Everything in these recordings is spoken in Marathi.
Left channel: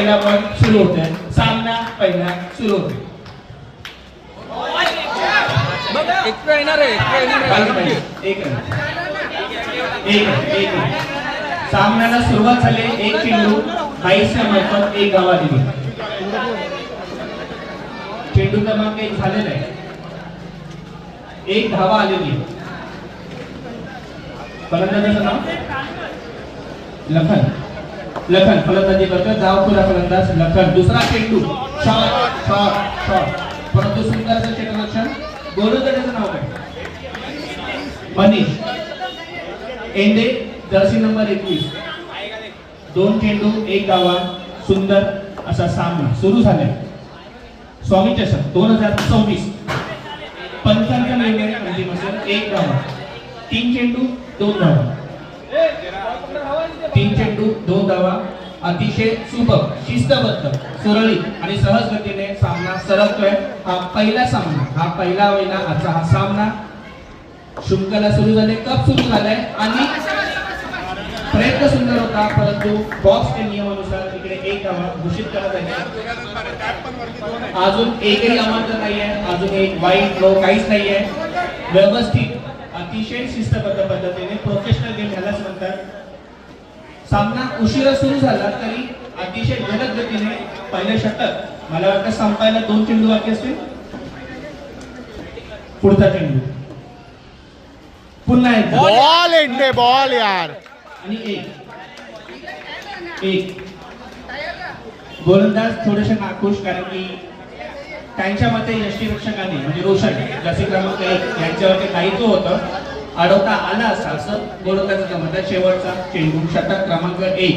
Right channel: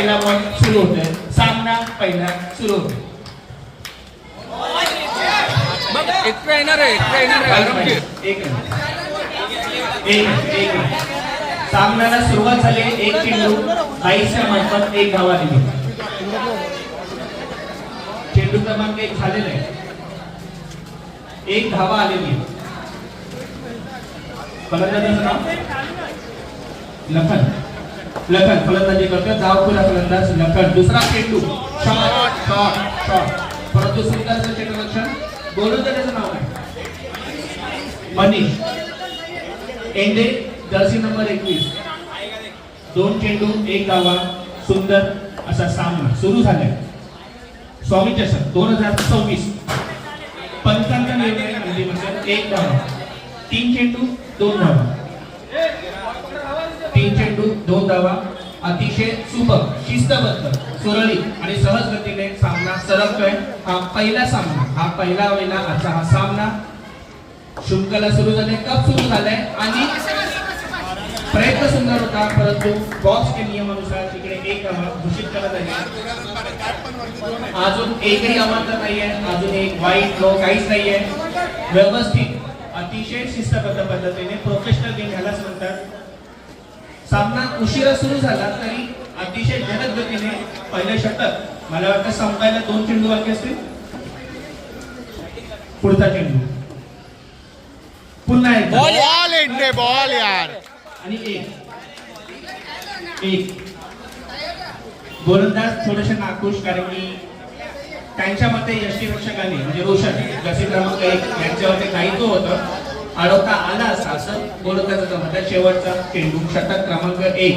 पहिला बॉल सुरू होतोय. सामना पहिला सुरू होतोय. एक्स्ट्रा येणार आहे आरामशीर. एक सामन्याला सुरुवात झाली. एक चेंडू 22च्या मार्फत एक धाव आलेली. चेंडू क्रमांक 1 झालेला आहे. एक धावा आलेली. फलंदाजाचं नाव लखन फलंदाजी करतो. धाव पुरा फलंदाज लखन. दुसरा चेंडू शॉट. परंतु सुंदरचं क्षेत्ररक्षण. गोलंदाजाचं नाव काय? Manish एंडे, Jersey number 21. 2 चेंडू 1 धावा. सुंदर असा सामना सुरू झालाय. स्वामी चषक 2024. पंचांचा निर्णय म्हणजे 1 धावा. 3 चेंडू 2 धावा. 3 चेंडू 2 धावा. अतिशय सुपर, शिस्तबद्ध, सुरळीत आणि सहज गतीने सामना सरकतोय. हा पहिला सामना, हा पहिला वेळेला आजचा हा सामना. शृंखला सुरू झाले, कप सुरू झालाय आणि प्रयत्न सुंदर होता, परंतु बॉक्सच्या नियमानुसार इकडे एक घोषित करत आहे. अजून एकही अमाउंट नाहीये, अजून एक वाईट नो काहीच नाहीये. व्यवस्थित, अतिशय शिस्तबद्ध पद्धतीने प्रोफेशनल गेम ह्यालाच म्हणतात. सामना उशिरा सुरू झाला तरी अतिशय जलद गतीने पहिले षटक. मला वाटतं संपायला 2 चेंडू बाकी असतील. पुढचा चेंडू पुन्हा एक बॉल एंडे बॉल यार. आणि एक गोलंदाज थोडेसे नाखुश, कारण की त्यांच्या मते यष्टीरक्षकाने म्हणजे रोशन जसे क्रमांक 1 यांच्यावरती काही तो होतं, अडवता आला असता असं गोलंदाजाचं मत आहे. शेवटचा चेंडू षटक क्रमांक 1.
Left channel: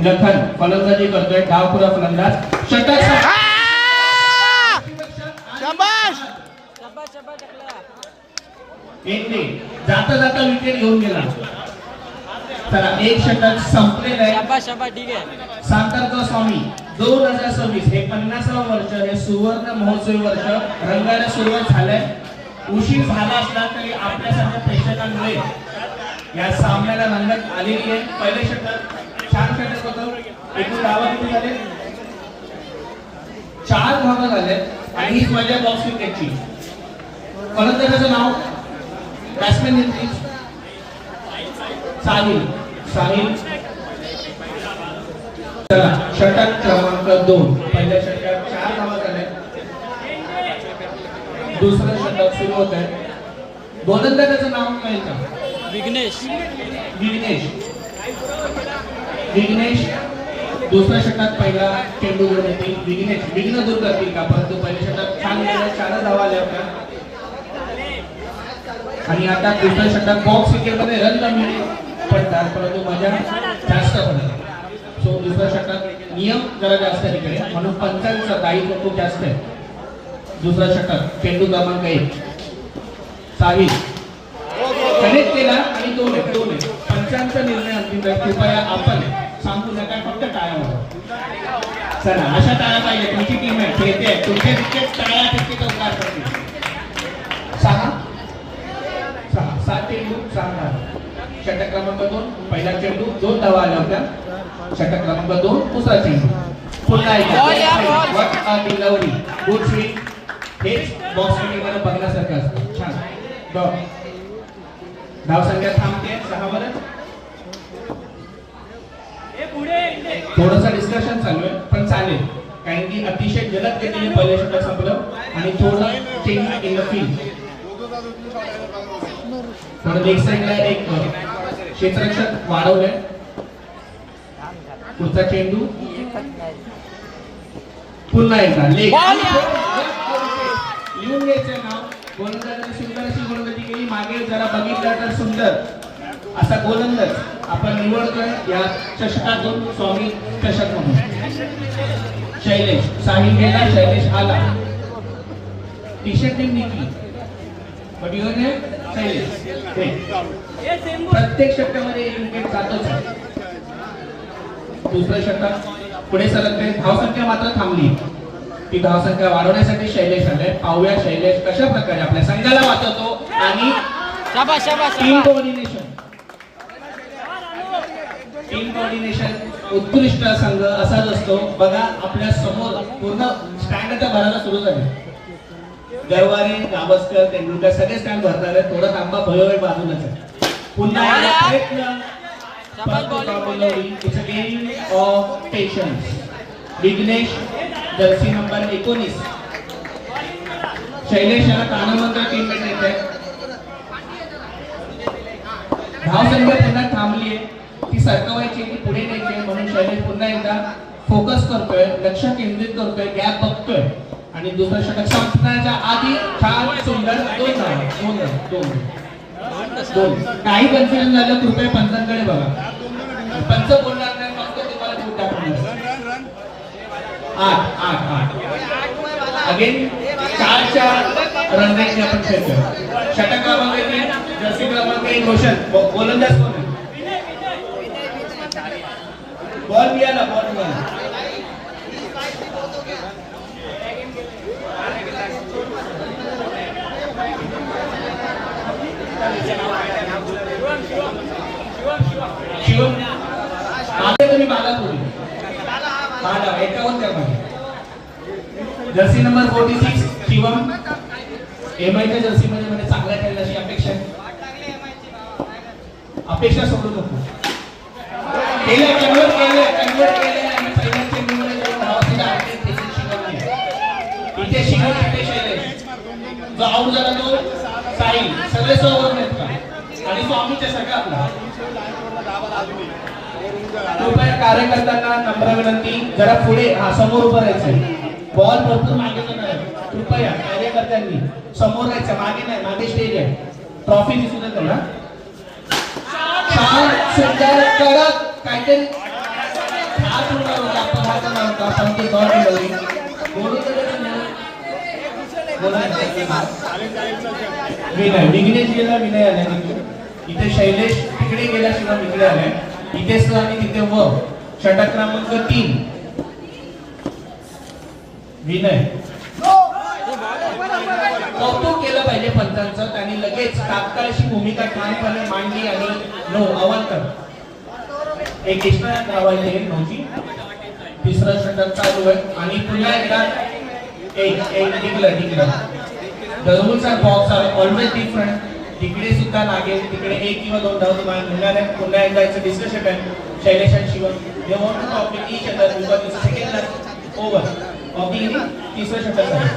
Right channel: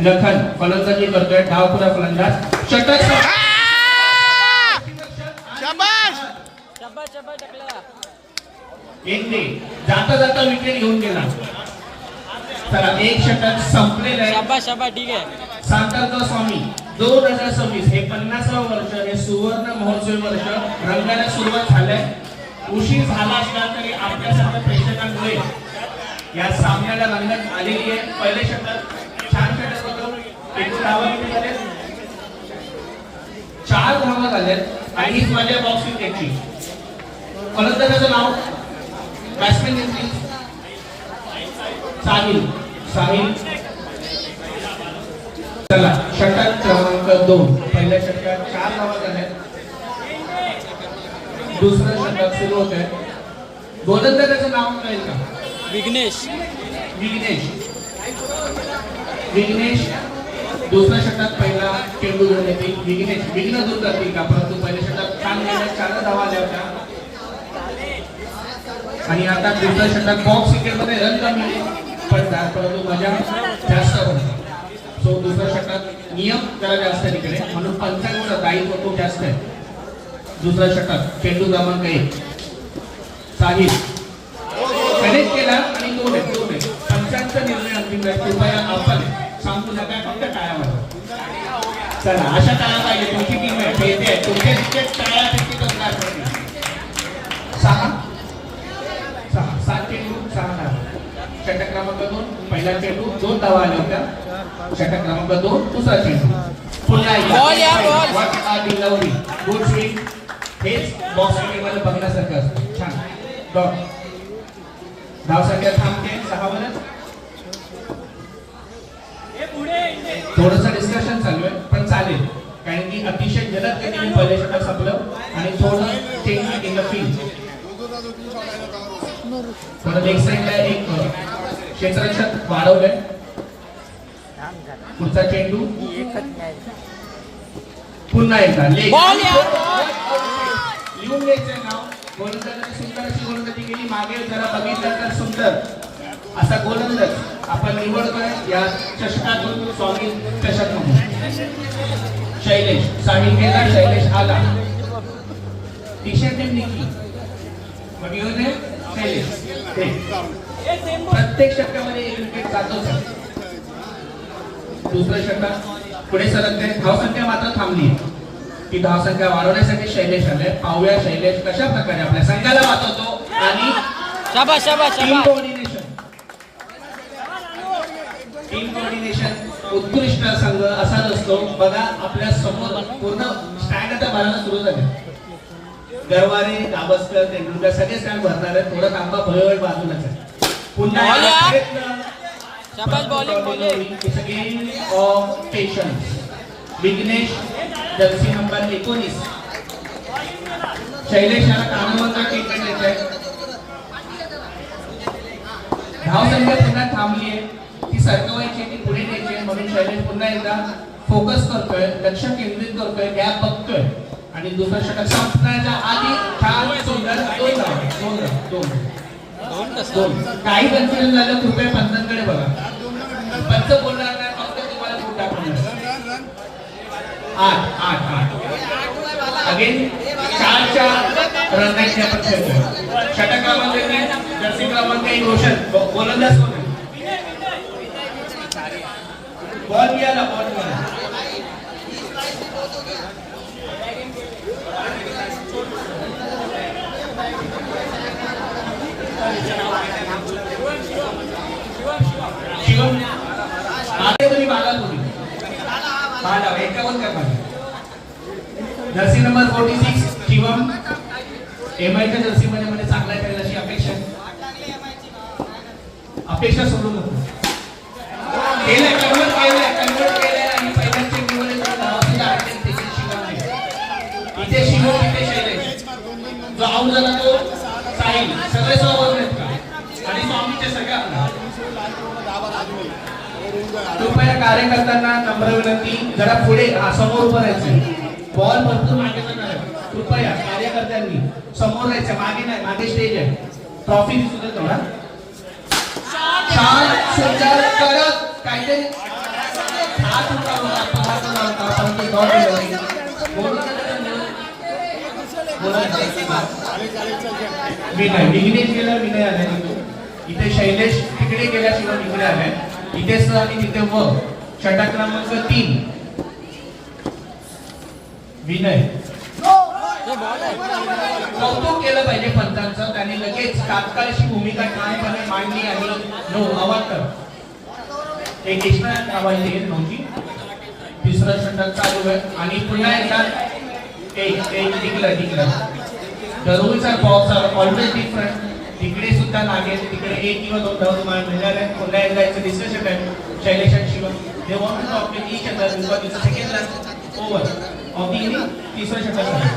लखन फलंदाजी करतोय. डावपुरा फलंदाज. षटक. शाबाश. जाता जाता विकेट घेऊन गेला. चला, एक षटक संपलेलं आहे. सांताक्लॉज स्वामी 2026 हे 50वे वर्ष, हे सुवर्ण महोत्सवी वर्ष रंगायला सुरुवात झालंय. उशीर झाला असला तरी आपल्या सगळ्या प्रेक्षकांमुळे या सामन्याला रंगत आलेली आहे. पहिले षटक छान षटक होतं. एकूण धावा किती झाले? 4 धावा झाल्यात आणि हीच माझ्या बॉक्स विकेटची. फलंदाजाचं नाव बॅट्समॅन नेमकी साहिल. चला, षटक क्रमांक 2. पहिल्या षटकात 4 धावा झाल्या. दुसरं षटक सुरू होत आहे. गोलंदाजाचं नाव काय? विघ्नेश. दुसऱ्या षटकात पहिला चेंडू घेऊन येतील. विघ्न दूर करतील का? परंतु पहिल्या षटकात छान गेल्या, 4 धावा आल्या होत्या. आणि आता दुसऱ्या षटकात बॉक्स क्रिकेटमध्ये रन कमी पडतात, परंतु मजा जास्त पडते. सो दुसऱ्या षटकात नियम जरा जास्त तिकडे, म्हणून पंचांचा दायित्व खूप जास्त आहे. दुसरा षटक चेंडू क्रमांक 1. साहिल कनेक्ट केला आणि 2 आहे. पंचांचा निर्णय अंतिम आहे. कृपया आपण सांगू नका, फक्त टाळ्या वाजवा. चला, अशा टाळ्या पाहिजे. तुमची टीम आहे, खेळते आहे, तुमचे विकेट टाळ्या फेकी तो काय करतील. 7 चेंडू 6 धावा. षटक क्रमांक 2. पहिला चेंडू 2 धावा आल्या होत्या. षटक क्रमांक 2. दुसरा चेंडू पुन्हा एकदा गुड स्विंग. हेच बॉक्स क्रिकेटमध्ये बघण्यासारखं असतं. छान डॉट. धावसंख्या थांबते 6 वर. थोडंसं डिस्कशन चालू आहे, पण चालेल, कारण की अतिशय जलद गतीने पहिले षटक संपलं आणि थोडं चेंज इन द फील्ड. परत एक साईडला एक क्षेत्ररक्षक वाढवलंय. पुढचा चेंडू पुन्हा एकदा लिहून घ्यायचं नाव. गोलंदाजाने सुंदर अशी गोलंदाजी केली. मागे जरा बघितलं तर सुंदर असा गोलंदाज आपण निवडतोय या चषकातून. स्वामी चषक म्हणून शैलेश. साहिल गेला, शैलेश आला. टी-शर्ट निघली पण शैलेश. प्रत्येक षटकामध्ये एक विकेट जातोच. दुसऱ्या षटकात पुढे सरकते. धावसंख्या मात्र थांबली. ती धावसंख्या वाढवण्यासाठी शैलेश आले. पाहूया शैलेश कशा प्रकारे आपल्या संघाला वाचवतो आणि टीम कोऑर्डिनेशन उत्कृष्ट संघ असाच असतो. असतो बघा आपल्या समोर पूर्ण स्टँड आता भरायला सुरू झाले. गरवारे, गावस्कर, तेंडुलकर सगळे स्टँड भरणार आहेत. थोडं थांबा, भयोय बाजूलाच आहे. पुन्हा it's a game of patience. Vighnesh jersey number 19 Shailesh याला कानामंत्र टीम येत आहे. धाव संख्या पुन्हा थांबली आहे, ती सरकवायची, ती पुढे न्यायची आहे. म्हणून शैलेश पुन्हा एकदा फोकस करतोय, लक्ष केंद्रित करतोय, गॅप बघतोय आणि दुसरं षटक संपण्याच्या आधी छान सुंदर दोन. काही कन्फ्युजन झालं कृपया पंचांकडे बघा. पंच बोलणार नाही, फक्त तुम्हाला बोट दाखवणार. 8 अगेन 4च्या रन रेटने आपण खेळतोय. षटक क्रमांक 3 जर्सी क्रमांक 1 रोशन गोलंदाज कोण आहे? बॉल मिळाला. शिवम आता तुम्ही बालापूर बाला एकावर काय पाहिजे. जर्सी नंबर 46 शिवम एमआयच्या जर्सी मध्ये चांगला खेळला अशी अपेक्षा सोडू नको. कन्वर्ट केलं आणि पहिल्या चेंडूमध्ये इथे शिवम इथे शैलेश. जो आउट झाला तो साई. सगळे सोबत आहेत का आणि स्वामीच्या सगळ्या आपला. कृपया कार्यकर्त्यांना नम्र विनंती, जरा पुढे समोर उभं राहायचं. बॉल भरपूर मागे जाणार आहे. कृपया कार्यकर्त्यांनी समोर राहायचं, मागे नाही. मागे स्टेज आहे. ट्रॉफी दिसू देतो ना. छान सुंदर कडक काहीतरी हात उडवला परंतु गॉड विनय विघ्नेश गेला, विनय आला. इथे शैलेश तिकडे गेल्याशिवाय इकडे आलाय. इथे स आणि तिथे व. षटक क्रमांक 3 विनय. कौतुक केलं पाहिजे पंचांचं. त्यांनी लगेच तात्काळची भूमिका ठामपणे मांडली आणि अवांतर एक कृष्णा नावाची नव्हती. तिसरं षटक चालू आहे आणि पुन्हा एकदा एक टिकलं. The rules are box are always different. तिकडे सुद्धा लागेल, तिकडे 1 किंवा 2 धाव मान मिळणार आहे. पुन्हा एकदा याचं डिस्कशन आहे. शैलेश आणि Shivam they want to complete each other because it's the second last over of the inning. तिसरं षटक आहे.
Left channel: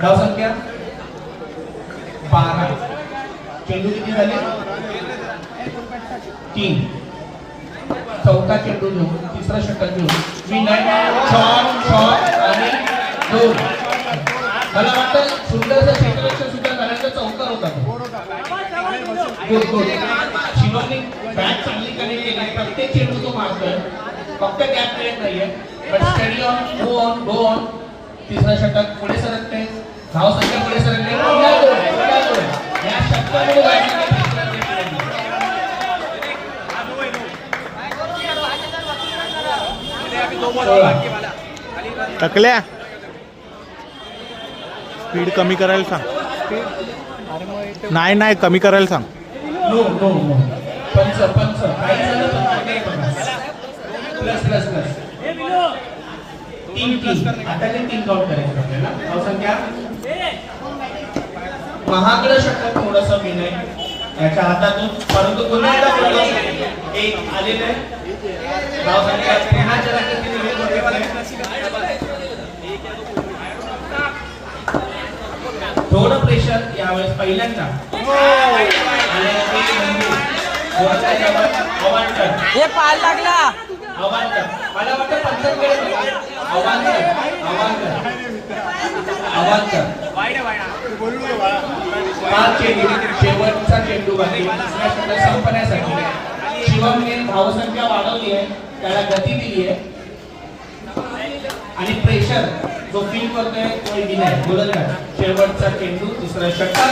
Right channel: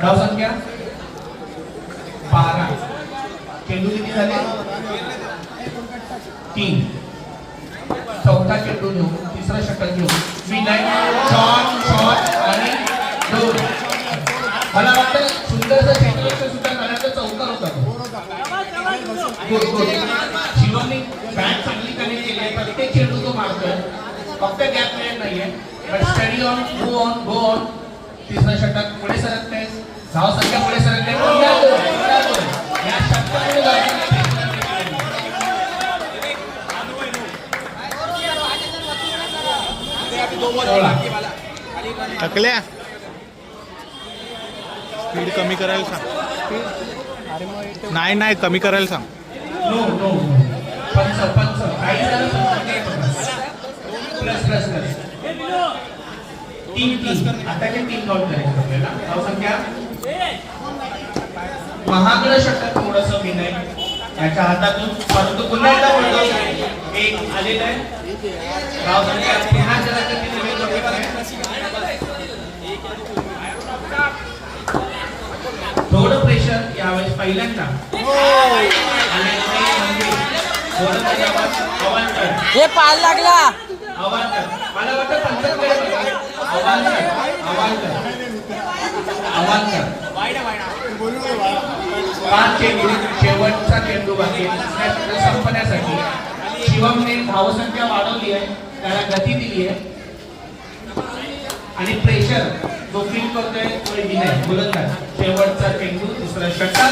धाव संख्या 12. चेंडू किती झाले? 3. चौथा चेंडू घेऊ, तिसरा षटक घेऊ. विनय शॉट आणि 2. मला वाटतं सुंदरचा क्षेत्ररक्षण सुद्धा करायचा चौका होता. गुड. शिवमने बॅट चांगली कनेक्ट केली आहे. प्रत्येक चेंडू तो मारतोय, फक्त गॅप मिळत नाहीये. But study on, go on. तिसरा षटक पुढे सरकते. धाव संख्या पुढे सरकते. या षटकामुळे बॅटिंग टकल्या स्पीड कमी करायला सांग. नाही कमी करायला सांग. नो पंच काही झालं प्लस 3 आता ते 3 बॉल करायचे आपल्याला. धाव संख्या महागड षटक थोडंसं विनय याच्या हातातून, परंतु पुन्हा एकदा एक आलेलं आहे. धाव संख्या पुन्हा जगात थोडं प्रेशर यावेळेस पहिल्यांदा. हे पाय लागला. मला वाटतं पंचांकडे शेवटचा चेंडू बाकी संपण्यासाठी शिवमने धावसंख्या वाढवली आहे, त्याला गती दिली आहे आणि प्रेशर जो फील करतोय तो विनय गोलंदाज. शेवटचा चेंडू, तिसरा षटक.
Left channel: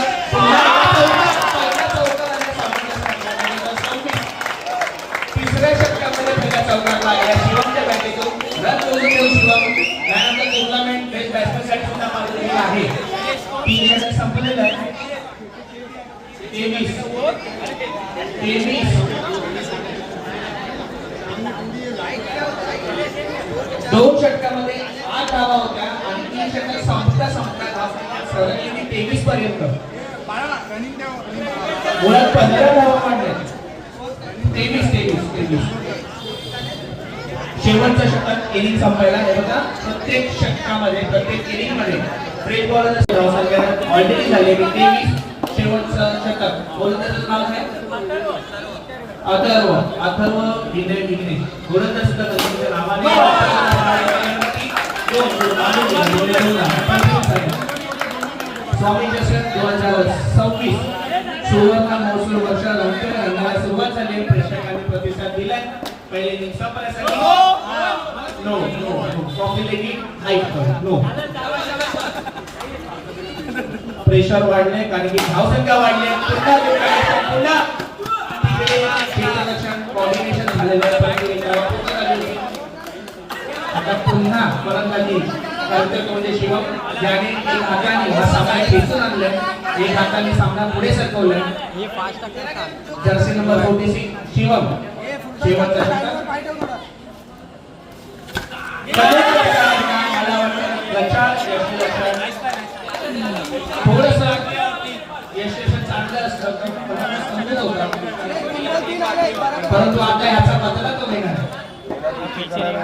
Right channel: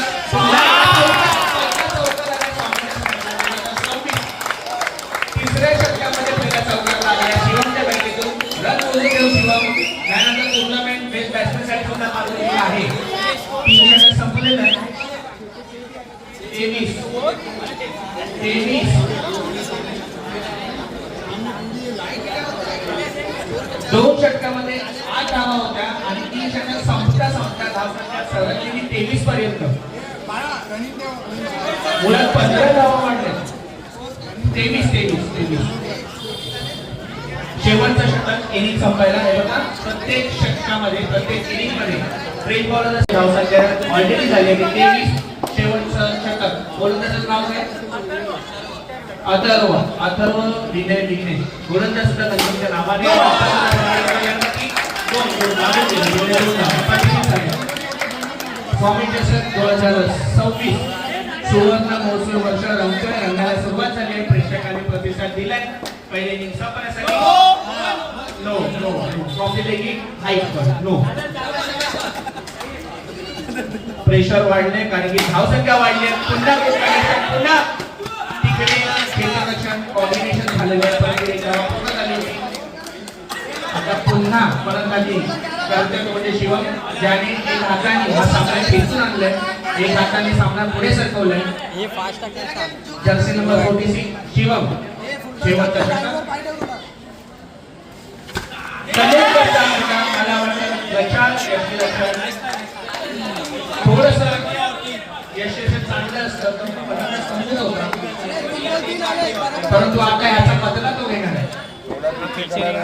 तिसऱ्या षटकामध्ये पहिला चौकार लागला शिवमच्या बॅटीतून. रन मोजून शिवम यानंतर टुर्नामेंट बेस्ट बॅट्समॅनसाठी सुद्धा मारलेला आहे. 3 षटक संपलेलं आहे. 23 2 2 षटकामध्ये 8 धावा होत्या आणि 3 षटकात संपता धावसंख्या सरकलेली 23 पर्यंत. मुळात 15 धावा वाढल्या. 23. शेवटचं षटक इनिंग संपायला हे बघा, प्रत्येक षटकामध्ये प्रत्येक इनिंग मध्ये रेड बॉल धावसंख्या ऑलरेडी झाली आहे 23. शेवटचं षटक गोलंदाजाचं नाव काय? अथर्व विघ्नेश. गोलंदाज सुद्धा त्यांच्या नावाने स्वामी चषक 2026 सुवर्ण महोत्सव वर्ष रंगाला सुरुवात झाली. प्रेक्षकांनी प्रतिसाद दिलाय. पहिले इनिंग संपण्यासाठी नो ट्रॉफी देखील नो. प्रेशर वाढले कारण की धावसंख्या वाढली. पुन्हा तिकडे क्षेत्ररक्षण कॉम्बिनेशन झालेलं आहे. आता पुन्हा फलंदाजी करते तो म्हणजे शिवम, ज्याने एक हाताने हा सामना खेचून आणलाय, एक हाताने सामना पुढे सरकवलाय. हे फास्ट टाकून जर्सी नंबर 46 शिवम. शेवटचा षटक थोडस यशस्वी चांगलं असतं परंतु आता याचा बदला तो घेणार आहे.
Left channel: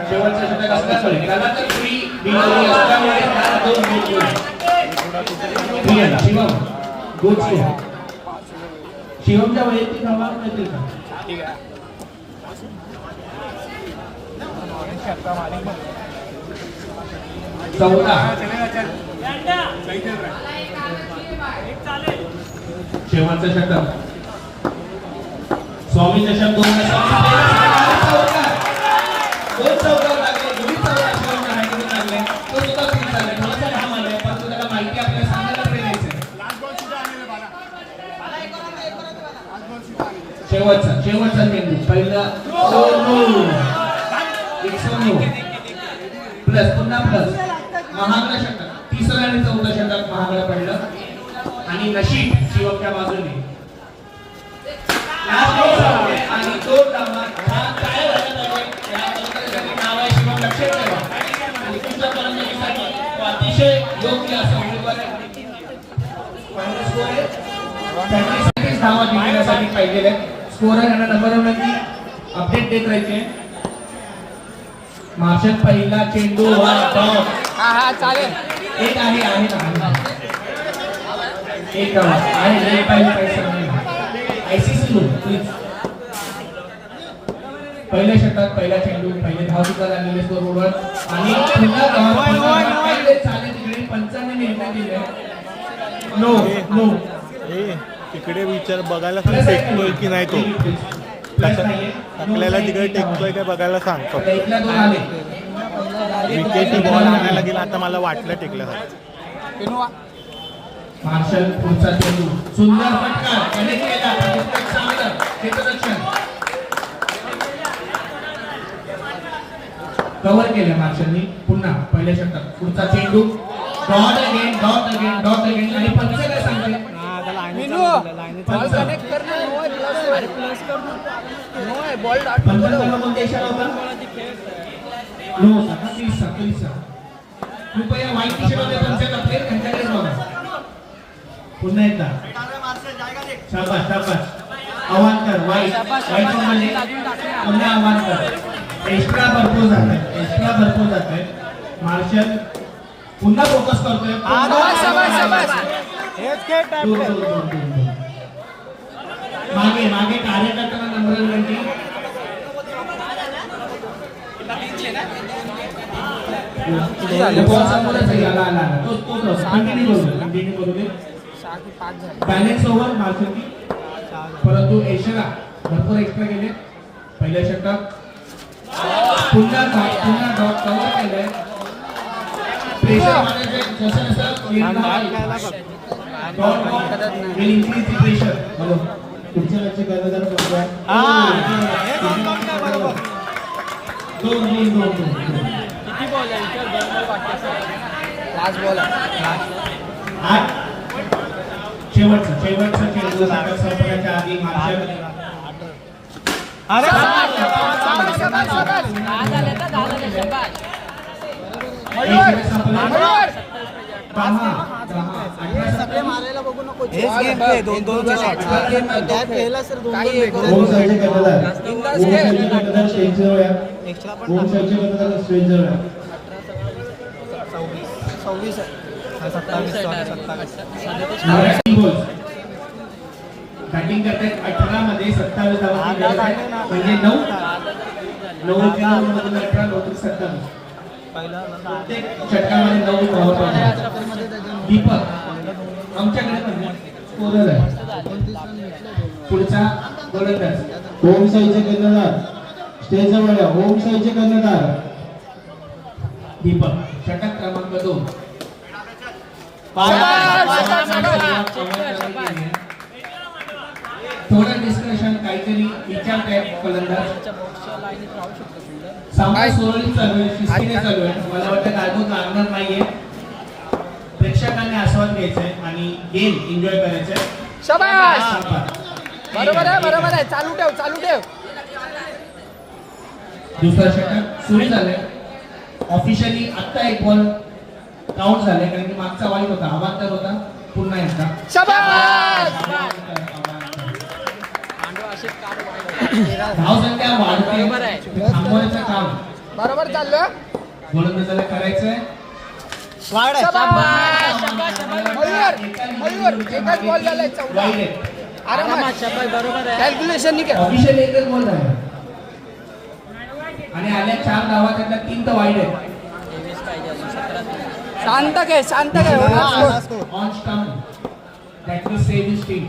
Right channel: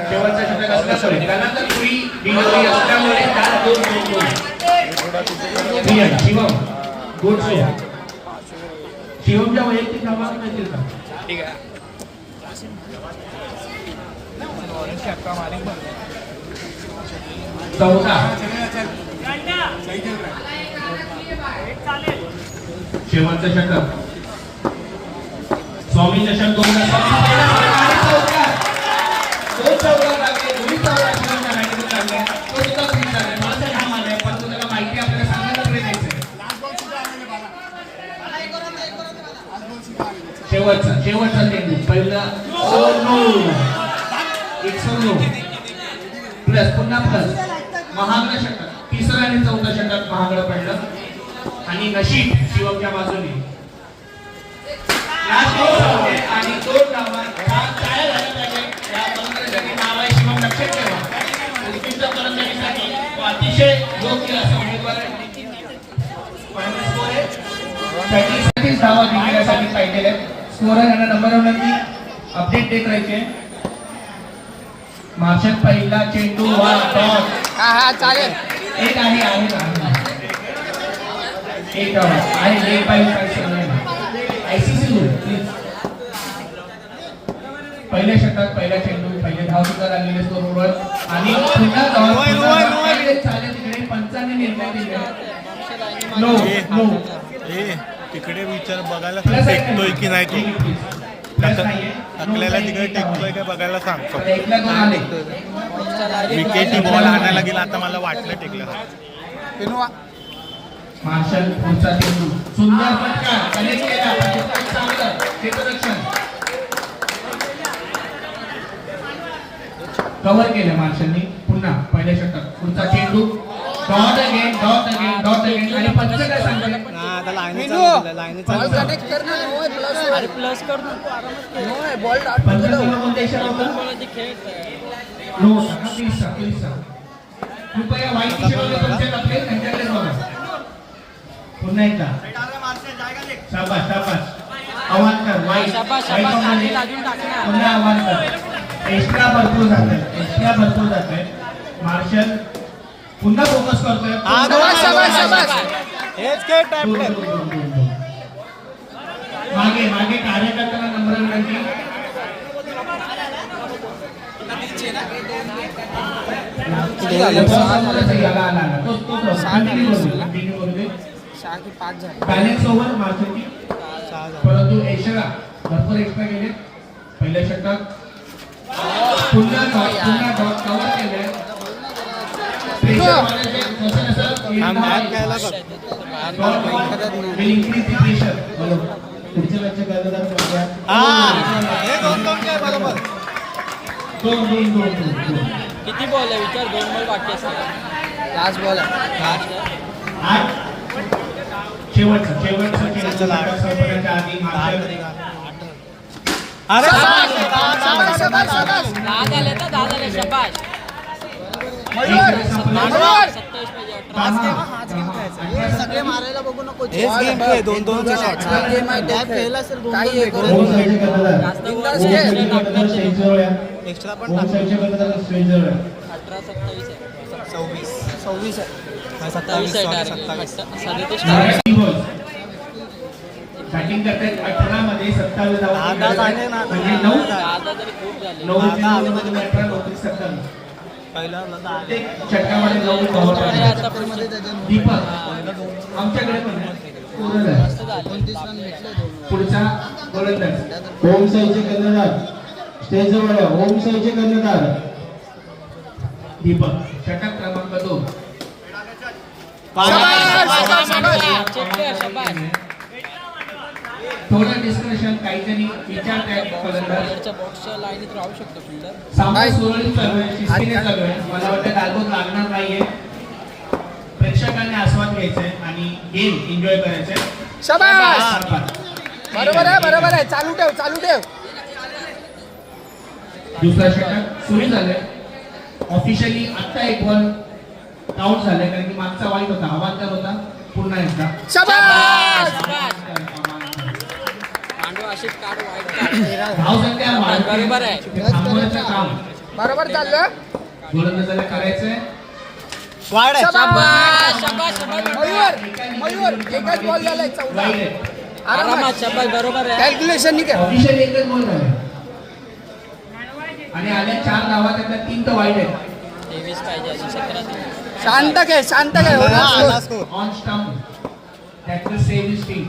शेवटचा षटक असल्यामुळे त्याला तर पुरी बिनोडी असल्यामुळे त्यात 2 गोल. Shivam good show. शिवमच्या वैयक्तिक धावा मिळतील का? ठीक आहे. शेवटचं षटक स्वामी चषक 2014 शेवटचा चेंडू पहिला प्लस पुन्हा प्लस महागडं षटक. तिसरं आणि 4थं षटक महागडं पडलं आणि नशीब शिवमच्या बाजूने आणि 2 डावात काय झालं पाहिजे या फलंदाजाचे नाव आहे शिवम, लक्षात ठेवा. आणि तुमच्या फलंदाजीसाठी अतिशय योग्य असं उमेदवार आहे. धावा जिंकण्यासाठी पाहिजे स्कोरर यांना नंबरवरती अपडेट देत राहायचे. मार्शल पहिला चेंडू हा चालेल. एक आहे एक आहे लेट पाहिजे आयसीसी रूल प्लीज. पहिल्या षटक पहिला चेंडू पहिले धाव विकत आणलेले स्कोरवर आणि पुन्हा चालले तिकडे पंचांनी निर्णय दिले. नो तिकडे विचार बघायला सांग टेकतोय की नाही तो. टाकलेला तिकडे टेकतोय का बघायला सांग. विकेटी बॉल आणायला गेला आता मला वाटलं टेकलं. मार्शल पुढचा चेंडू सुंदर फटका कनेक्ट केला. क्षेत्ररक्षण कव्हर केलं मार्शलनी. पुन्हा पहिल्या षटक पुढचा चेंडू डॉट अगेन आणि पंच काय सांगतात कृपया माहिती पुन्हा एकदा शाबाश आव्हान कर पुन्हा आव्हान कर. एक्स्ट्रा भरपूर जात आहे. मार्शल पुन्हा फोकस करतोय. मागे कार्यकर्त्यांना नम्र विनंती. बॅलन्स ओव्हर मार्शलची परंतु एशियाला भरपूर एक्स्ट्रा गेले. पहिल्या षटक पुन्हा डॉट कव्हर केले. किती बॉल आहे विचार. 2 बॉल बाकी असतात. लास्ट बॉल आहे. शेवटचा दहा झाले शाबाश. 27 पाहिजे. सगळे मारायला बघू नको. हेच गेम खेळ, 2-2चे शॉट. पहिला सर दोन काही हे करू होम साईडचे कर्णधार जास्त होम साईडचे कर्णधार स्टेजजवळ या. एक्स्ट्रा पण होम टाक. साईडचे कर्णधार स्टेजजवळ या. 26 आहे. 27 आहे. 37 बॅटिंग करते 18 मध्ये 27 धावा. आधा झाले ना. म्हणजे 9 आता तरी खूप झाले. 9 मध्ये 18 9 27. पहिला प्रत्येक षटकामध्ये 9 धावा अरे पाहिजे. आता पण मध्ये त्याच्यात दीपक आमच्याकडे पण कोरल आहे. मस्त झालं. पुढचा गोलंदाज होम साईडचे कर्णधार स्टेजजवळ या. होम साईडचे कर्णधार दीपक षटक क्रमांक 2. थोडं डिस्कशन काहीतरी विचारतायत फलंदाज. बॉक्सच्या लाईनीत राहू शकतो फिल्डर. सामना सुरळीत चालू आहे, शिस्तीने चालू आहे. मला वाटतं गालबोट लागणार नाहीये. प्रेक्षकांनी आस्वाद घ्यायचंय आणि गेम एन्जॉय करायचंय. बरोबर आहे. चालू ठेव. दुसरा षटक सुरू झालंय. ऑफिशियली आता एक बॉल काउंट झालाय कारण की मागचा वाईट होता, अवांतर होता. पुन्हा एकदा पांडव अशीच काढ वाईट. धावसंख्या वाढते. बरोबर आहे. थांबवायचं काम बरोबर चाललं. गोलंदाजाला करायचंय. मयूर एकच बॉल झालाय. 14 वाईट आहे. आरामात शबाश. बरोबर आहे. कॅल्क्युलेशन नाही केलं. ऑफिशियल एकच बॉल झाला आणि आल्या 4 धावा, त्यातल्या 3 तर वाईट आहेत. 23 पाहिजे अजून 17. शांत घे. On stump that will save his team.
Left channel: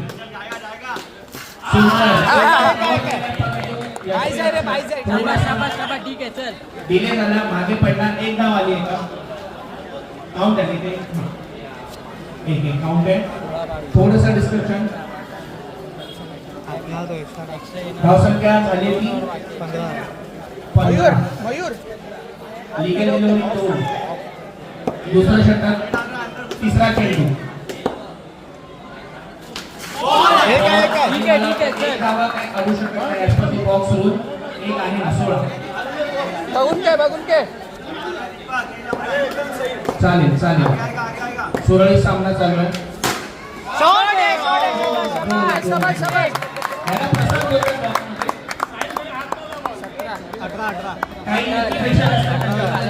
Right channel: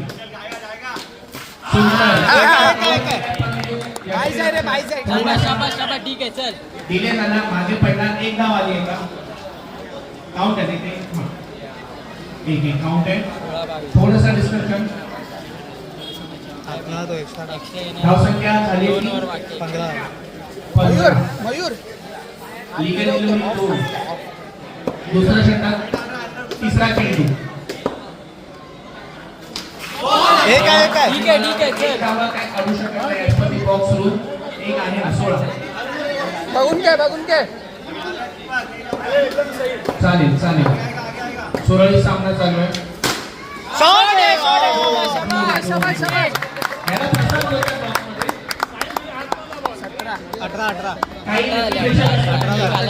शाबाश. ठीक आहे चल. दिले झाला, मागे पडला, एक धाव आली आहे का? काउंट आहे ते. एक काउंट आहे. थोडंसं डिस्कशन. धावसंख्या झाली 15. 15. Mayur legal delivery 2. दुसरं षटक, तिसरा चेंडू. ठीक आहे एक चल. धावा काय काढू शकत नाही as per the box rule. एक आहे 16. बघून घे. चालेल. सुरळीत सामना चालू आहे. शाबाश. याला प्रसाद होता boxमध्ये. 18. काही प्रेक्षक असतात.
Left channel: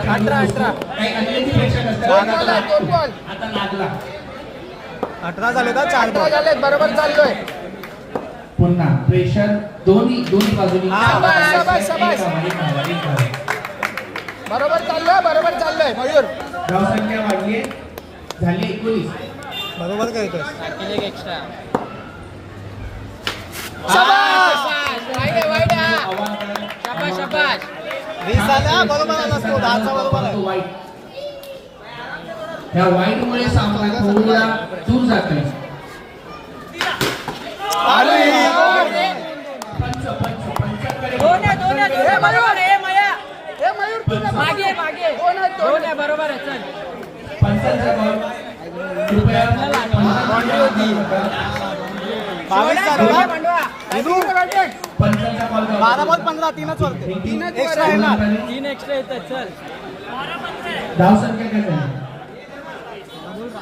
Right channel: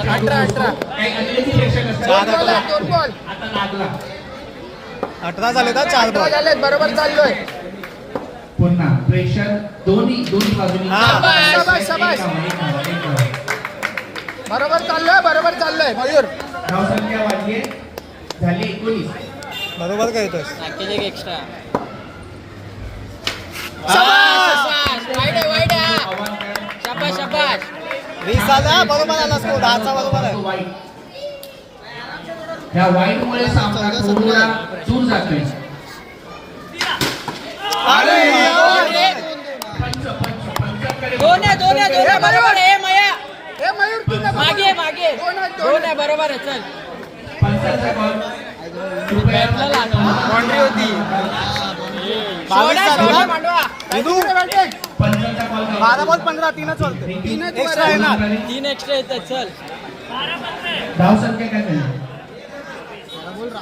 18. काही अतिरिक्त प्रेक्षक असतात. 2 बॉल. आता लागला. 18 झाले तर 4 बॉल. बरोबर चाललोय. पुन्हा प्रेशर दोन्ही बाजूनी. शाबाश. बरोबर चाललोय मयूर. धावसंख्या वाढली झाली 19. बरोबर काय येतोय. एक्स्ट्रा. वाईड. अवांतर. 20 आला. बरोबर आला स्कोर. 10चा बरोबर आहे. वाईट. या वाईटमुळे सामना थोडा दूर जातोय. दोन आहे. बरोबर आहे. मया हे मयूर तुझं मागे. दोन आहे. बरोबर आहे. चल. पंचाचा बॉल. कृपया बाउंड्री होती. 22 झाला ना. विदू. पंचाचा बॉल. 12 बॉल 15. 3च वरते. एक्स्ट्रा येणार. 3 एक्स्ट्रा येतात. चल. धावसंख्या काय झाली? 22.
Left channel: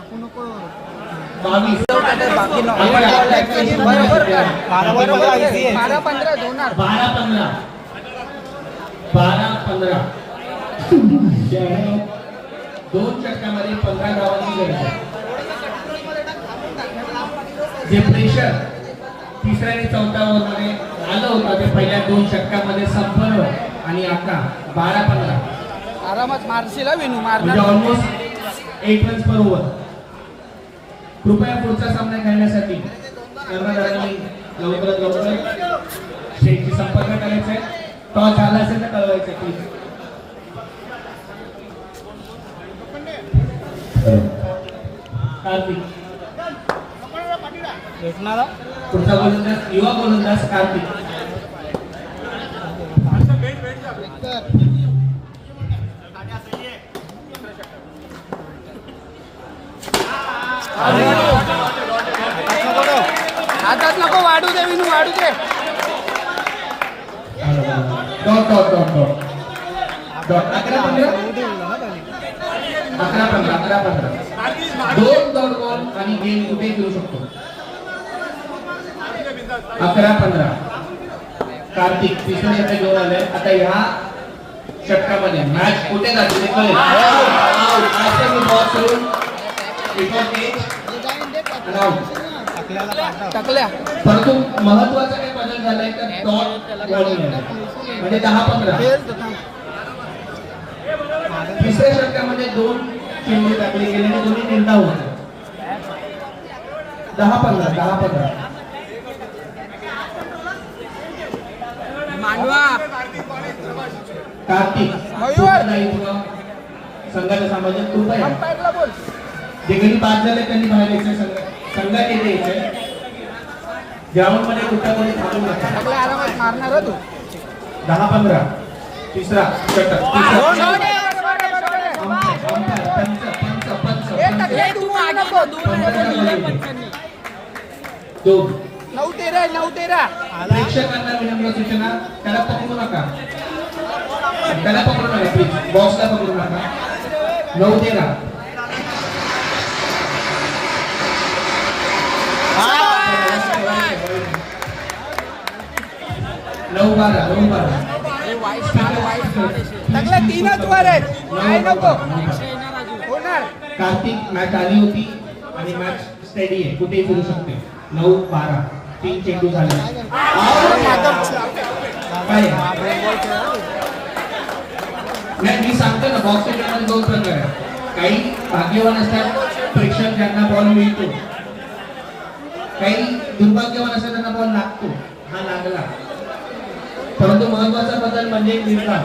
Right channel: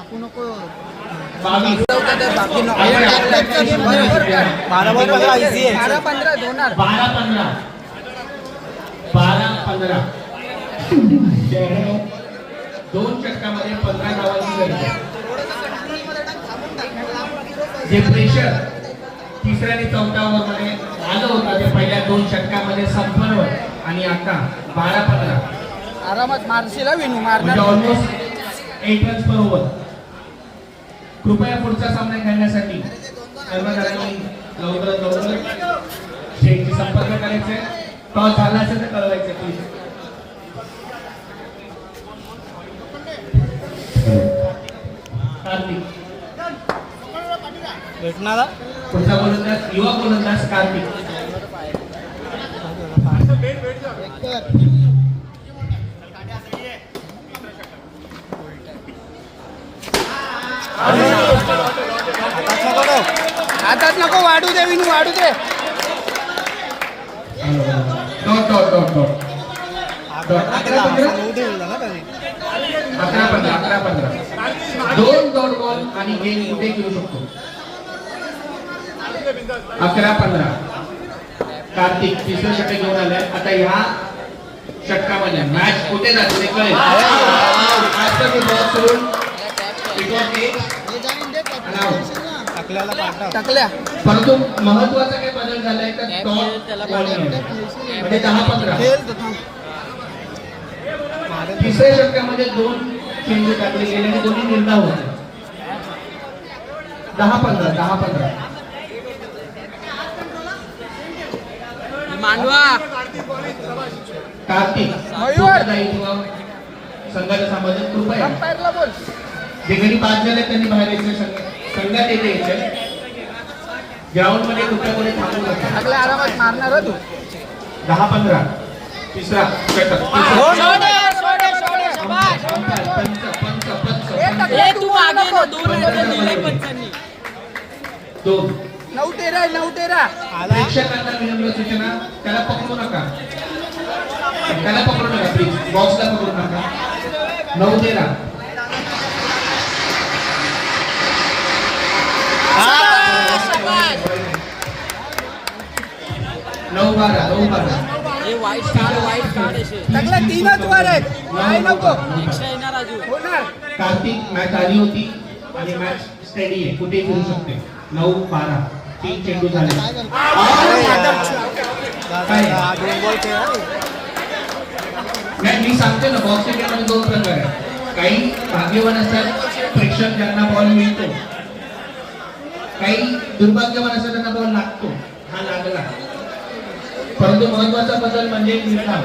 12 बॉल 15 इझी आहे. 12-15 होणार. 12-15. दोन षटकामध्ये 15 धावांची गरज आहे. जे प्रेशर तिसऱ्या आणि चौथ्या ओव्हरमध्ये आलं होतं ते पहिल्या 2 षटकामध्ये संपलं आणि आता 12-15 आरामात मारशील विनू म्हणजे मारणार. ऑलमोस्ट 8 रन्स पर ओव्हर. कृपया पुढचा सामना खेळण्यासाठी कर्मचाऱ्यांनी लवकर स्टेजशी संपर्क करायचा आहे. टॉस झाला असेल तर कळवायचं प्लीज. कार्तिक भेटणारा. पुढचा गोलंदाज युवा गोलंदाज कार्तिक. हातात नको वाढू दे विनू वाढू दे. डॉट. 11-15 दोन डॉट बॉल आणि गेम कुठे घेऊ शकतो. 11-15 कार्तिक तिसरा षटक घेऊन आलाय. आता ह्या षटकामध्ये मॅच कुठे जाते ते कळेल. आता मी बॉल सोडून टाकल्याला पाठव. टाकल्या परंतु महत्वाचा काय बदल झालाय तर डॉट म्हणजे 10-15 खेळ तर थांब. तिसऱ्या षटकामध्ये दोन चेंडू टाकले गेले आणि दोन्ही निर्धाव होते. 10-15 मांडवा कार्तिक मयूर. संघाला सांभाळून कृपया टाकला बोल. जे काही बाद झाले त्यांनी बाहेर यायचे. संघात येते येते ग्राउंड मध्ये कुठल्या कोणी थांबू नका. टाकल्या आरामात मारणार तू. 10-15 तिसरा षटक तू आगे रो, दोन दिले पंचांनी. 9-13 प्रेक्षकांना विनम्र सूचना, त्याला पकडू नका. त्याला पकडू नका प्लीज. बॉक्सला पकडू नका. 9-13 9-12 हे वाईट स्टार्ट टाकल्या 3च वर आहेत. काय नको एक्स्ट्रा येणार अजून. होणार. कार्तिक मॅच आली होती आणि मॅच स्टेडी आहे, कुठेही फिरू शकते. 9-12 3 चेंडू झाले. दोन बॉल खेळा. नाही मी सांगते ना, बॉक्स क्रिकेटमध्ये 2 प्रकार आहेत. काही भाग्यवान असतात प्रेक्षक ज्यांना बॉल मिळतो, काही दुर्भाग्यवान असतात त्यांना बॉल लागतो. हा लागला. परंतु महत्वाचा बदल म्हणजे निर्धाव.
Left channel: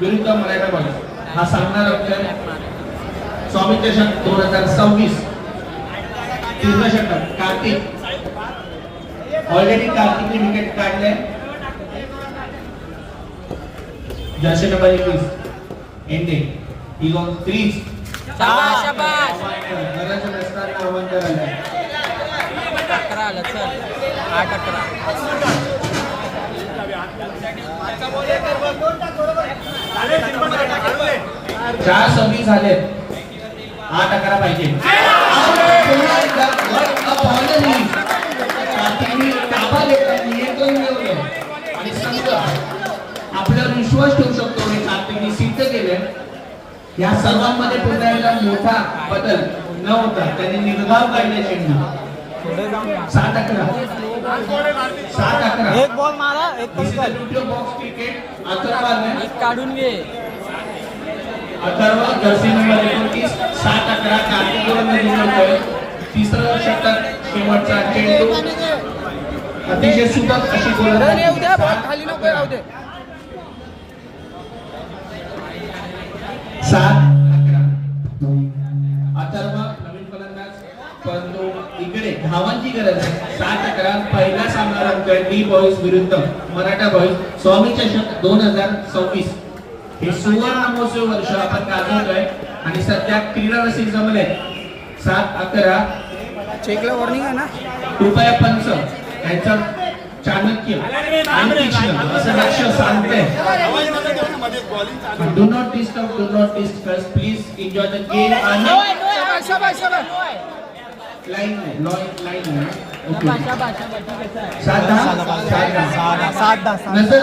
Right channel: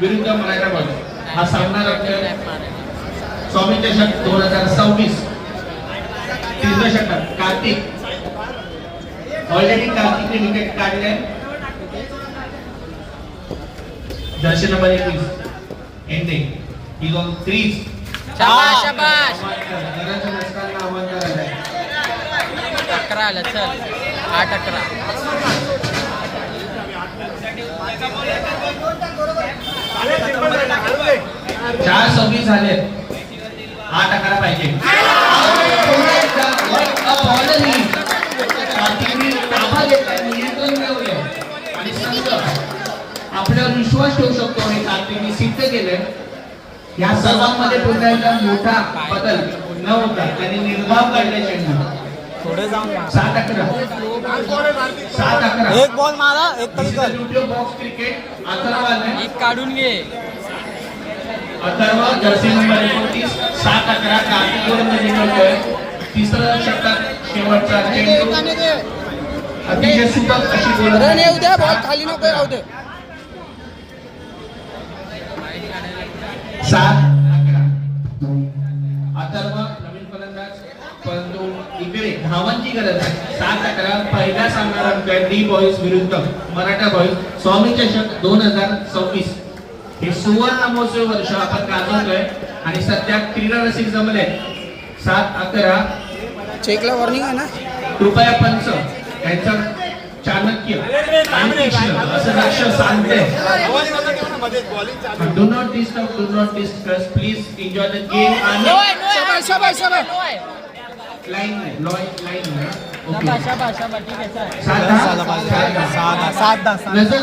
विरुद्ध हैदराबाद हा सामना रंगला. स्वामी चषक 2026 तिसरा षटक कार्तिक. ऑलरेडी कार्तिकने विकेट काढले. Jersey number 21 ending is on crease. शाबाश शाबाश. घराच्या दसऱ्याला आव्हान करायला. 11 आलं चल. 8-11. चार सर्व्हिस झालेत. 8-11 पाहिजे. आणि संघ आपल्यावर विश्वास ठेवू शकतो. हे कार्तिकने सिद्ध केलंय. या सर्वांमध्ये पुन्हा एकदा मोठा बदल न होता त्यांनी निर्धाव केले. चेंडू थोडे जाऊन मार. 7-11 एक बॉल मारा, एक तरी कर. बॉक्स क्रिकेट अथर्वाने एक काढून घे. अथर्व जर्सी नंबर 29 7-11 कार्तिकवरून निघतोय. तिसरं षटक शेवटचा चेंडू अतिशय सुपर अशी रन येऊ दे. बॉल खाली नको राहू दे. 7-11 अथर्व नवीन फलंदाज, परंतु इकडे धावांची गरज आहे. 7-11 पहिला सामना रंगतोय डी बॉईज विरुद्ध मराठा बॉईज. स्वामी चषक 2026 हे सुवर्ण महोत्सवी वर्ष आपण गाजवतोय आणि सध्या क्रीडा रसिक जमले. 7-11 चेकला वॉर्निंग आहे ना. कृपया पंच यांचा चाणक्य आणि तीक्ष्ण असं लक्ष सांगते. Do not disturb please enjoy the game. शाबाश. लाईन नाही. शाबाश शाबाश शाबाश. ठीक आहे चल. नजर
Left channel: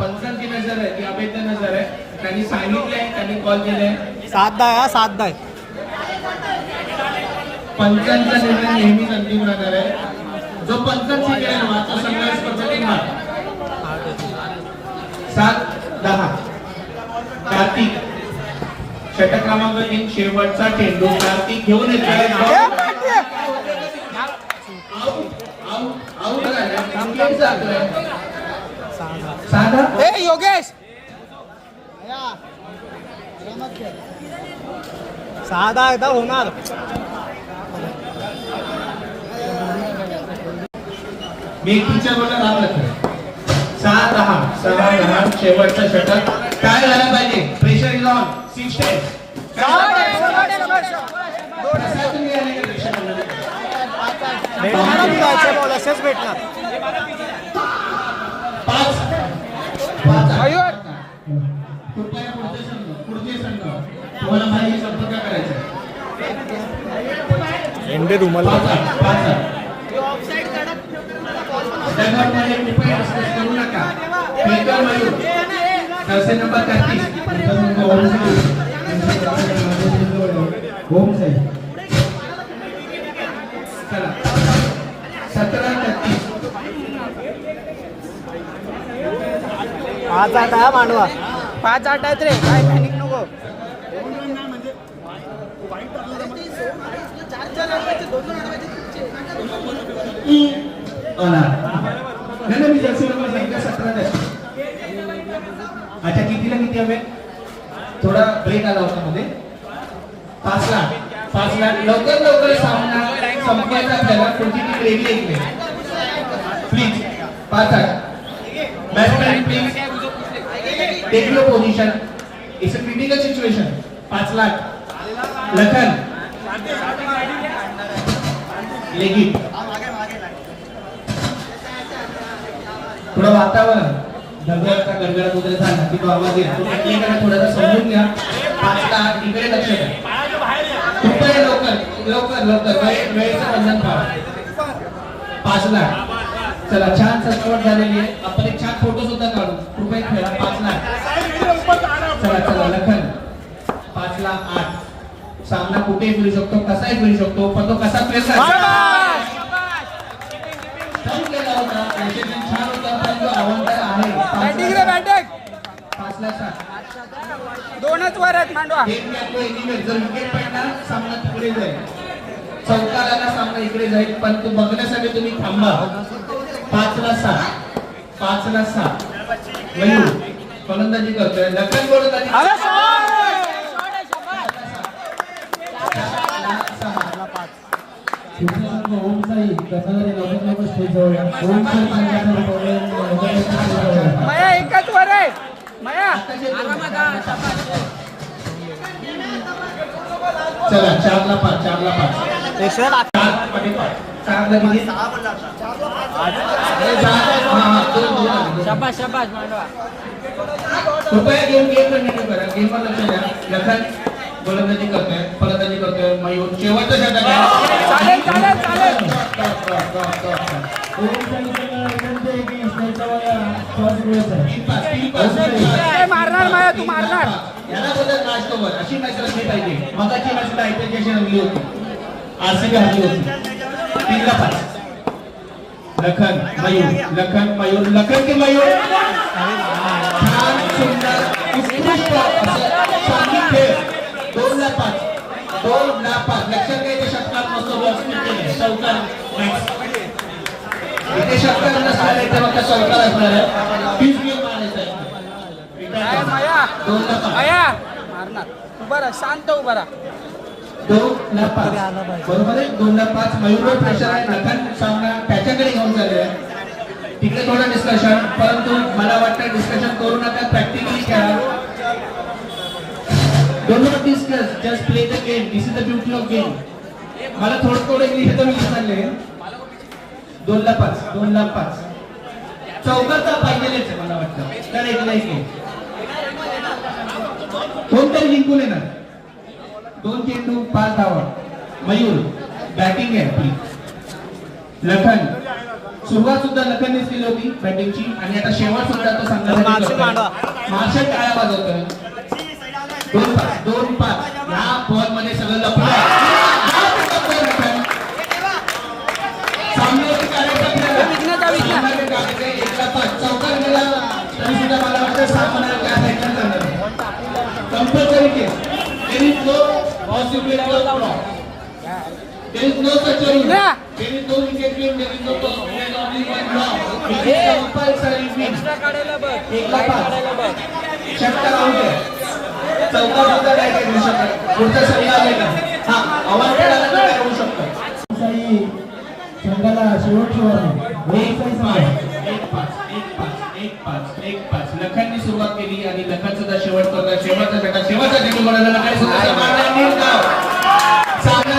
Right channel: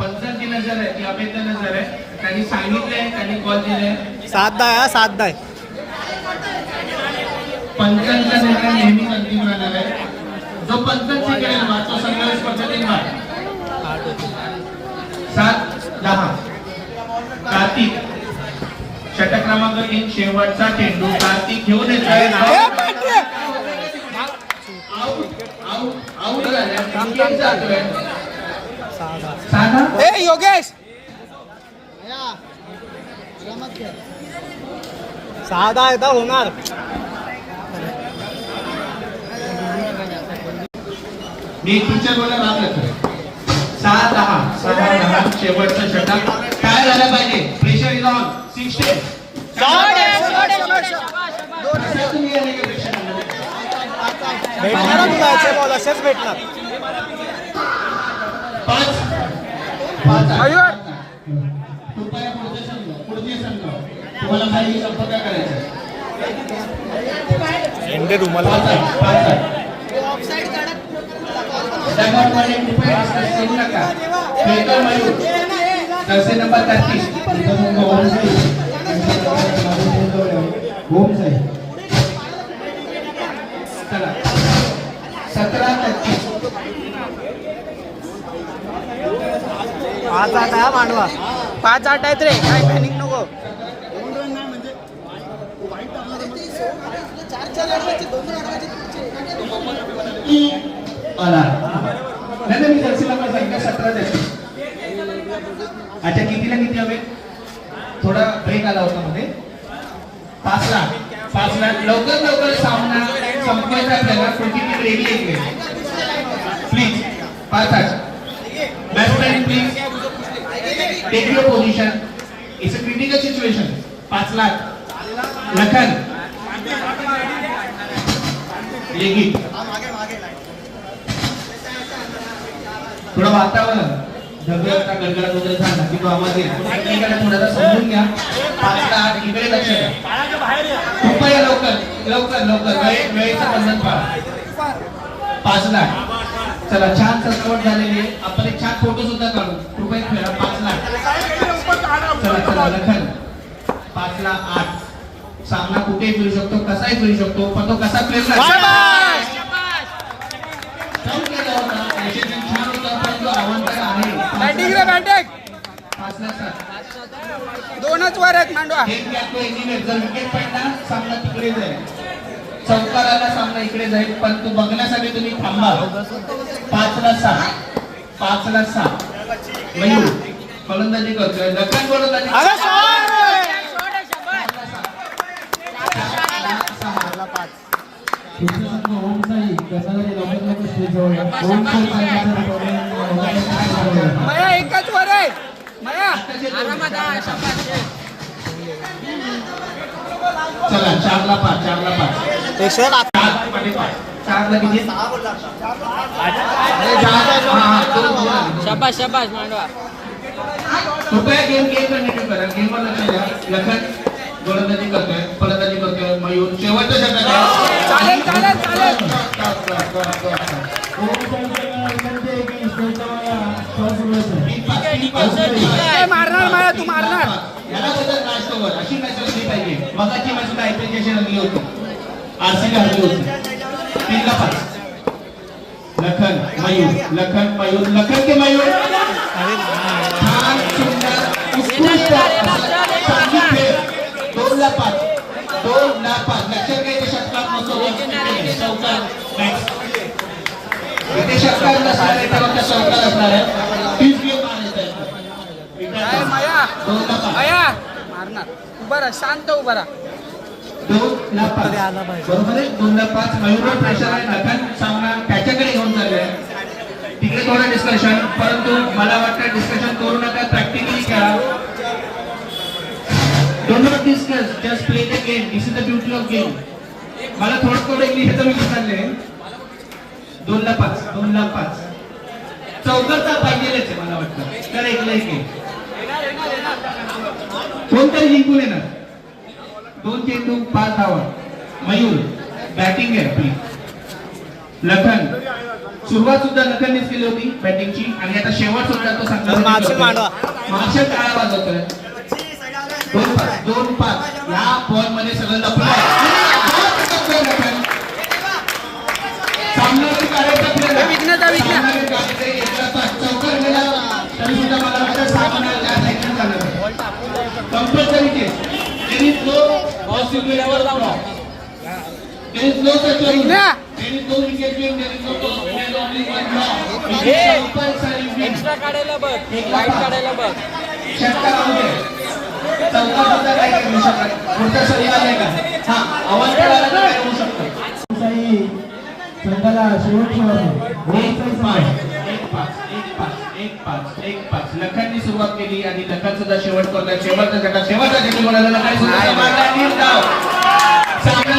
पंचांची नजर आहे ती अभेद नजर आहे. त्यांनी सांगितलंय, त्यांनी कॉल दिलाय. 7-10 आहे. पंचांचा निर्णय नेहमीच अंतिम राहणार आहे. जो पंचांची करेल तो संघर्ष पद्धतीने मार. 7-10 कार्तिक षटक क्रमांक 3 शेवटचा चेंडू कार्तिक घेऊन येतोय. साधा ए योगेश 6-10 एकदा होणार. मी तुमच्याबरोबर भाग लागतो. 6-10 शेवटचा षटक. काय झालं पाहिजे? Pressure is on. 6 शाबाश शाबाश शाबाश. भेटणार तुला याचे बॉल असेच भेटणार. 5 मयूर कृपया पुढचे संघ तुम्हाला काही संपर्क करायचा म्हणजे तुम्हाला दगडमध्ये कृपया डिस्कस करू नका. खेळकर मयूर जर्सी नंबर 33 ओम साई चला 17-33 आज आता मांडवा 5-8 आहेत रे, काय पॅनिक नको. नाही मी जर्सी नंबर सांगितलं 17 द्यायची. अच्छा कितीला किती हवे? थोडा ब्रेक आला होता मध्ये. 5 लाख लवकर सामना संपवायचा आपल्याला. कोणती टीम रेडी आहे इकडे please. 5-8 batsman please take your position. It's a critical situation. 5 lakh Lakhan लेगी थोडं वातावरण ढगाचा गडगडाट वगैरे झाला की तो आवाज येतो. एकमेकांना थोडासा समजून घ्या. 5 लाख इकडे लक्ष द्या. कृपया लवकर वेळेचं बंधन पाळा. 5 लाख चला छान सजावट झालेली आहे. आपण एक छान फोटो सुद्धा काढू. कृपया खेळा. 5 लाख चला लखन 5,08,000 सामना कुठे खेळू शकतो, कसाही खेळू शकतो, पण तो कसा प्लेअर छान होता पण तो आव्हानकर आहे. बॅटिंग रे बॅटिंग. 5,07,000 2च वर आहेत मांडवा. गेम घेतो एनिवेट. जर विकेट पडला सामना तिकडे जाईल. चौकाराला सामना इकडे जाईल, पण तो बघण्यासाठी तुम्ही थांबा. 5,06,000 मयूर फलंदाजी करतोय. लखन गोलंदाजी अरे शॉट ओम साई कसाले लवकर स्टेज जवळ या. ओम साई मया एकच वर आहे. मया आरामात आ, शाबास. चला 4,05 एकशे 8 4ला किती? शाबाश मांडवा. कृपया गेम कंटिन्यू करा. गेमवर लक्ष द्या. लखन गोलंदाजी करतोय, फलंदाजी करतोय. मयूर शेवटचा षटक चालेल. ओम साई विनंती आहे की स्टेज जवळ या. फर्स्ट वेळेस काय मारणार मया, तू मारणार. याला बदल मॅच कव्हर अशी मॅच रंगली पाहिजे. मगाची मॅचला आयपीएलची रंगली होती. आरसीबी हरली होती. 3-5 लखन मयूर लखन के मयूर छान सुंदर उत्कृष्ट चांगली खेळ. 2,05 लक्षात घ्या. इथे षटकार नसतो. चौकार इथे षटकार नसणार. इथे फक्त चौकार असणार आहे. 30 गेम काय मया 2,05 मारणार. उभा राहा, शांत उभा राहा. 2,05 बरोबर आहे. 2,05 मयूरवर प्रेशर आहे. लखन सामना त्याच्याकडे घेऊन चालले आहे. तिकडे थोडं डिस्कशन, परंतु मला वाटतं डिस्कशन करू नका. प्रॅक्टिकली खेळा. Don't not discuss, just play the game. This is the beauty of game. मला थोडं इंग्लिश तर मी विसरले. 2,05 चौकारचा पाहिजेच आहे मला वाटतं. तर एक कोणतरी जिंकून येणार. 2 चेंडू 5 धावा. मयूर बॅटिंग आहे प्लीज. लखन सुरुवात सुद्धा लखननेच केली होती बॅटिंगची आणि आता शेवट सुद्धा तो सांगतो. मार्शल टाळा वाजवतोय. 2-5 या बॉल मध्ये सगळं लपलं आहे. सामन्यावरती कार्य चौकार गेला तरी सुद्धा मला वाटतं सामना त्या साईडला जाणार. Compulsory case. There is no possibility of block. There is no such a rule. There is no wicket game. There is no toss. There is only one block. It is compulsory win. Extra काढायला बघ, वाईट काढायला बघ. षटकार होते. चौकार सुद्धा नाही करू शकत. पुढचा षटकार आहे का? हा आवाज करायला काय करू शकतो. ओम साई संघाला शेवटची वारी. ओम साई संघ 1-5 लखनने सुरुवात केली आणि लखन सुद्धा शेवट करतोय. शेवटचा षटकार शेवटचा चेंडू बोलायला लागला. सामना